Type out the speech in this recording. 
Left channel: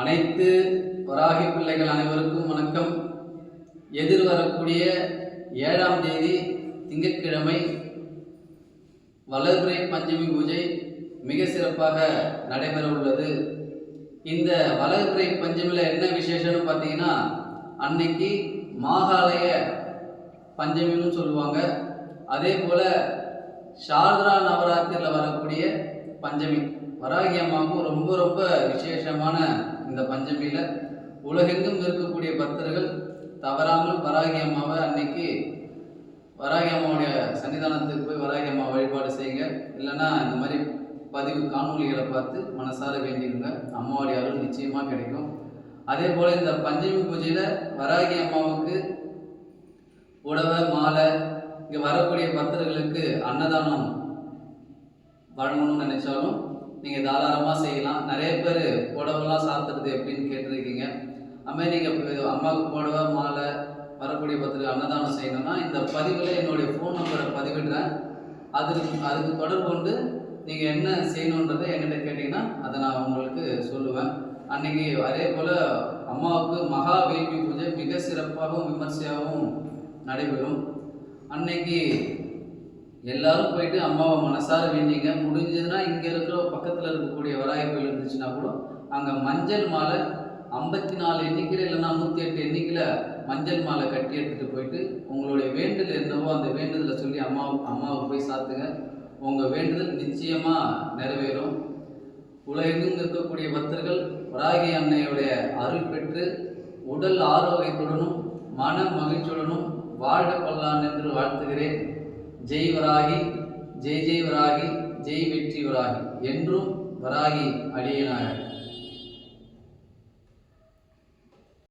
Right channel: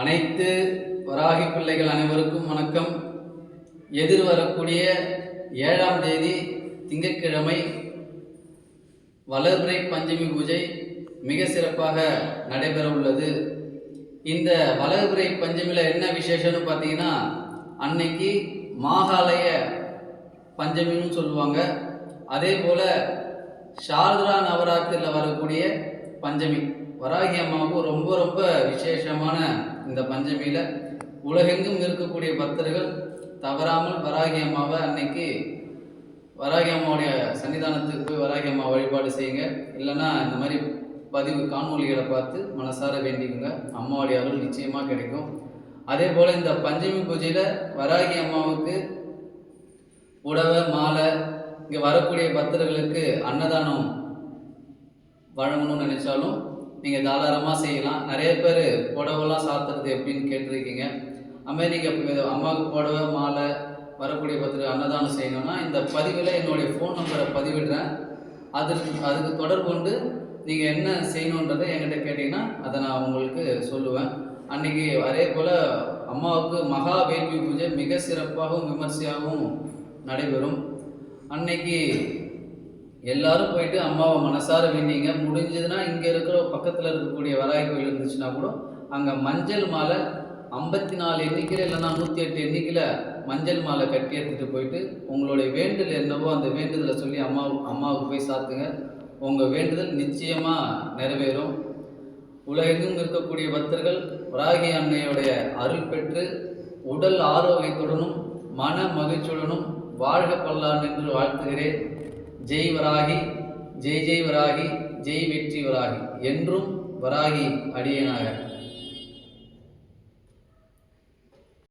அனைத்து வராகி பிள்ளைகள் அனைவருக்கும் வணக்கம். எதிர்வரக்கூடிய 7ஆம் தேதி திங்கட்கிழமை வளர்பிறை பஞ்சமி பூஜை மிக சிறப்பாக நடைபெற உள்ளது. இந்த வளர்பிறை பஞ்சமியில் என்ன விசேஷம்னு பார்த்தீங்கன்னா, அன்னைக்கு மாகாலய பஞ்சமின்னு சொல்லுவாங்க. அதே போல் சாரதா நவராத்திரியில் வரக்கூடிய பஞ்சமி வராகி அம்மாவுக்கு ரொம்ப ரொம்ப விசேஷமான இந்த பஞ்சமியில் உலகெங்கும் இருக்கக்கூடிய பக்தர்கள் தவறாமல் வராகி அம்மாவை அன்னைக்கு வராகி அம்மாவுடைய சன்னிதானத்துக்கு போய் வராகி அம்மா வழிபாடு செய்யுங்க. இல்லைன்னா இந்த மாதிரி பதிவு காணொலிகளை பார்த்து மனசார வேண்டிக்குங்க. அம்மாவுடைய அருள் நிச்சயமாக கிடைக்கும். அதே போல் இந்த பஞ்சமி பூஜையில் வராகி அம்மாவுக்கு புடவை மாலை, இங்கே வரக்கூடிய பக்தர்களுக்கு அன்னதானம் வழங்கணும்னு நினைச்சாலும் நீங்கள் தாராளமாக செய்யலாம். நிறைய பேர் புடவைலாம் சாத்துறது எப்படின்னு கேட்டிருக்கீங்க. அதுமாதிரி நீங்கள் அம்மாவுக்கு புடவை மாலை வரக்கூடிய பத்திரிக்கை அன்னதானம் செய்யணும்னா இந்த பதிவில் என்னுடைய ஃபோன் நம்பரை பதிவிடுறேன். அதுக்கு தொடர்பு கொண்டு நீங்கள் என்ன செய்யணுன்றதை என்கிட்ட கேட்டிங்கன்னா அதை நான் உங்களுக்கு சொல்லுவேன். அன்றைக்கி அதே போல் அம்மாவுக்கு மகா வேள்வி பூஜை மிக சிறப்பாகவும் விமர்சையாகவும் நடைபெறும். அன்னைக்கு எல்லாரும் போயிட்டு அம்மாவை மனசார வேண்டிங்க. முடிஞ்சதுன்னா இங்கே இருக்கிற பக்கத்தில் இருக்கக்கூடிய வராகி கோயில் இருந்துச்சுன்னா கூட அங்கே மஞ்சள் மாலை 54 எண்ணிக்கையில் இல்லைன்னா 108 எண்ணிக்கையில் மஞ்சள் மாலை கட்டி எடுத்துகிட்டு போயிட்டு உங்களுடைய வேண்டுதல் என்னவோ அந்த வேண்டுதலை சொல்லி அம்மாவுக்கு போய் சாத்துங்க. உங்கள் வேண்டுதல் நிச்சயமாக நிறைவேறும். உலகெங்கும் இருக்கக்கூடிய பக்தர்கள் வராகி அன்னையுடைய அருள் பெற்று உடல் ஆரோக்கியத்துடனும் மன மகிழ்ச்சியுடனும் வாழ்க பல்லாண்டு என்று வாழ்த்துகிறேன். ஜெய் வராகி, ஜெய் ஜெய் வராகி, ஜெய் வெற்றி வராகி. என்றும் வராகி அடியேனாக.